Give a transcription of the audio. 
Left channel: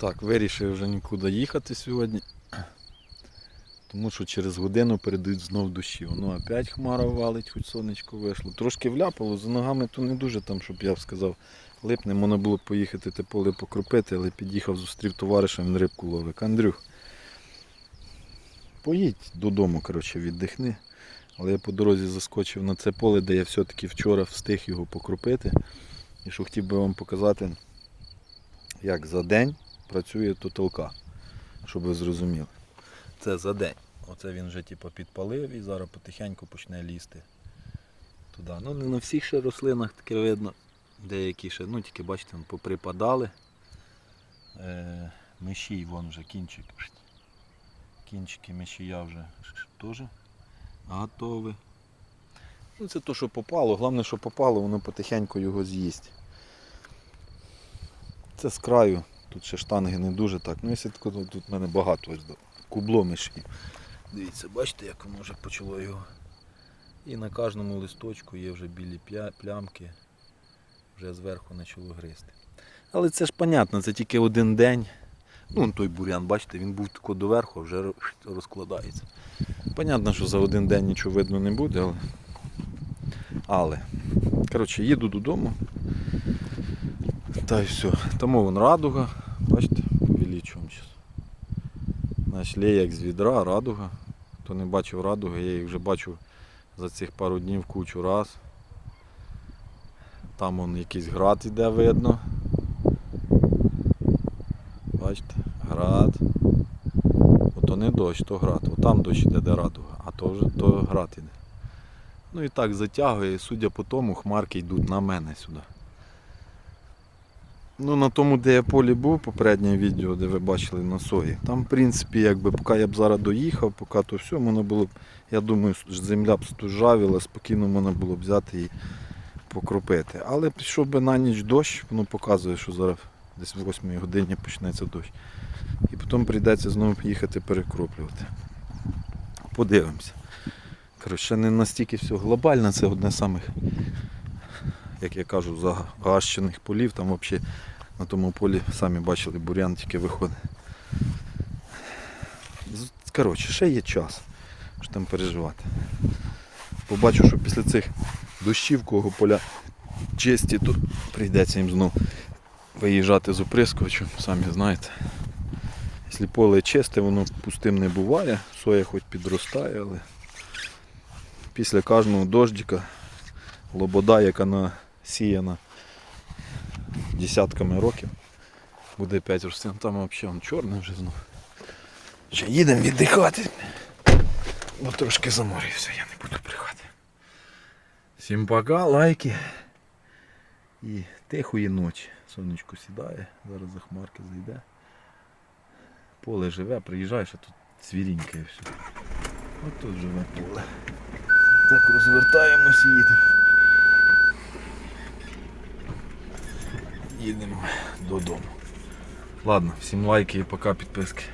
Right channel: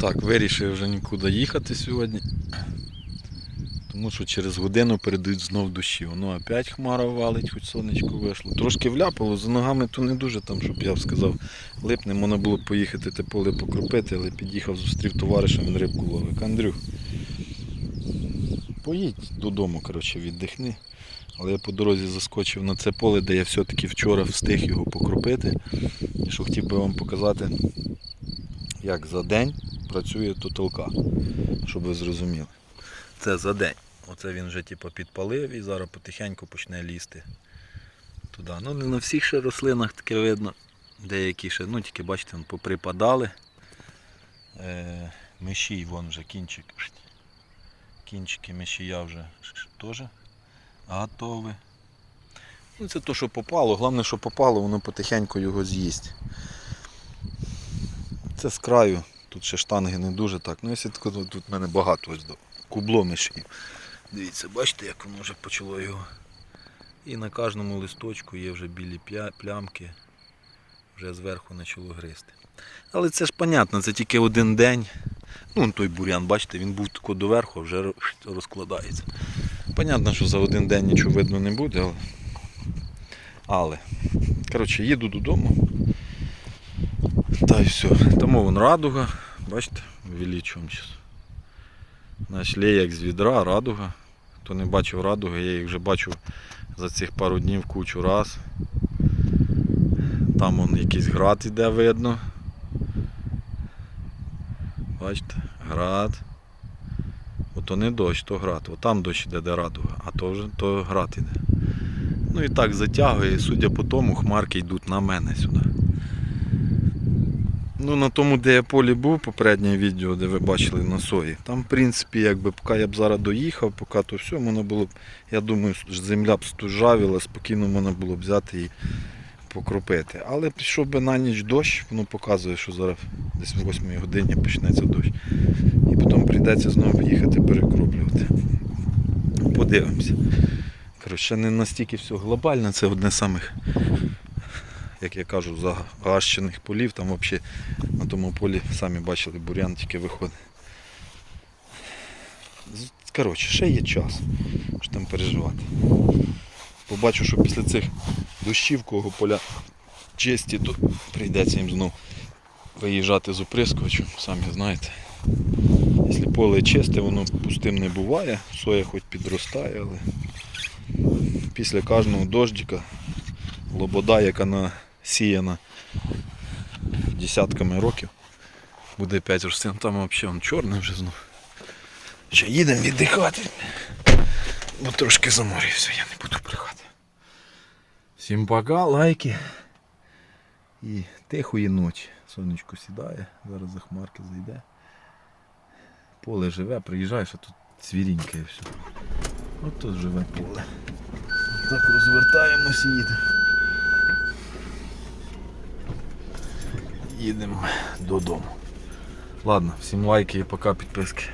Так, вирішив вже нікуди їхати сьогодні. Тому що через годину передають знов дощі. Воно опять хмара валить, хоч сонечко вийшло. Трошки вляпало, за ногами то не дуже там, щоб я сказав, липне. Можна було б поїхати те поле покропити, але під'їхав, зустрів товариша, він рибку ловить. Андрюх, поїдь додому, коротше, віддихни. Але я по дорозі заскочив на це поле, де я все-таки вчора встиг його покропити. І що хотів би вам показати, як за день працює тоталка, щоб ви зрозуміли. Це за день. Оце він вже типу, підпалив і зараз потихеньку почне лізти туди. Ну не на всіх ще рослинах таке видно. Деякі ще, ну тільки бачите, вон поприпадали. Е, мишій, вон вже кінчик. Кінчики мишія вже теж готові. Ну, це то, що попало. Головне, що попало, воно потихеньку його з'їсть. Це з краю. Тут ще штанги не дуже так. Ну, якщо тут в мене багато ось до кубло мишів. Дивіться, бачите, як воно вже почало його. І на кожному листочку є вже білі плямки, вже зверху почало гризти. Але це ж понятно, це тільки один день. Ну, той бурян, бачите, він був тако доверху, вже розкладається. Понятно, що за один день нічого видно не буде, але. Але. Коротше, їду додому. Та й все. Тому вон радуга. Бачите, увеличуємо зараз. Наш як з відра, радуга. Хто не бачив радуги, я їх вже бачив за цих пару днів кучу раз. Там вон якийсь град іде видно. Бачите, град. Ото не дощ, то град. От там дощ іде, де радуга, а то вже то град іде. Ну і так затягує, судя по тому, хмарки йдуть на мене сюди. Ну, на тому, де я полі був, попереднє відео, де ви бачили на сої, там, в принципі, якби поки я б зараз доїхав, поки то все, можна було б, я думаю, земля б стужавіла, спокійно можна було б взяти і покропити. Але пішов би на ніч дощ, воно показує, що зараз десь в 8 годині почнеться дощ. І потім прийдеться знову їхати перекроплювати. Подивимося. Коротше, не настільки все глобально, це одне з самих, як я кажу, загащених полів. Там взагалі на тому полі, самі бачили, бурян тільки виходить. Коротше, ще є час, що там переживати. Побачу, що після цих дощів, кого поля чисті, то прийдеться їм знов виїжджати з оприскувачем, самі знаєте. Якщо поле чисте, воно пустим не буває, соя хоч підростає, але після кожного дождика лобода, яка насіяна десятками років, буде 5 рослин, там взагалі он чорний вже знов. Ще їдемо віддихати. Бо трошки заморився, я не буду брехати. Всім пока, лайки. І тихої ночі. Сонечко сідає, зараз за хмарки зайде. Поле живе, приїжджаєш, а тут цвіріньке і все. От тут живе поле. Так розвертаємось і їдемо. Їдемо додому. Ладно, всім лайки і пока підписки.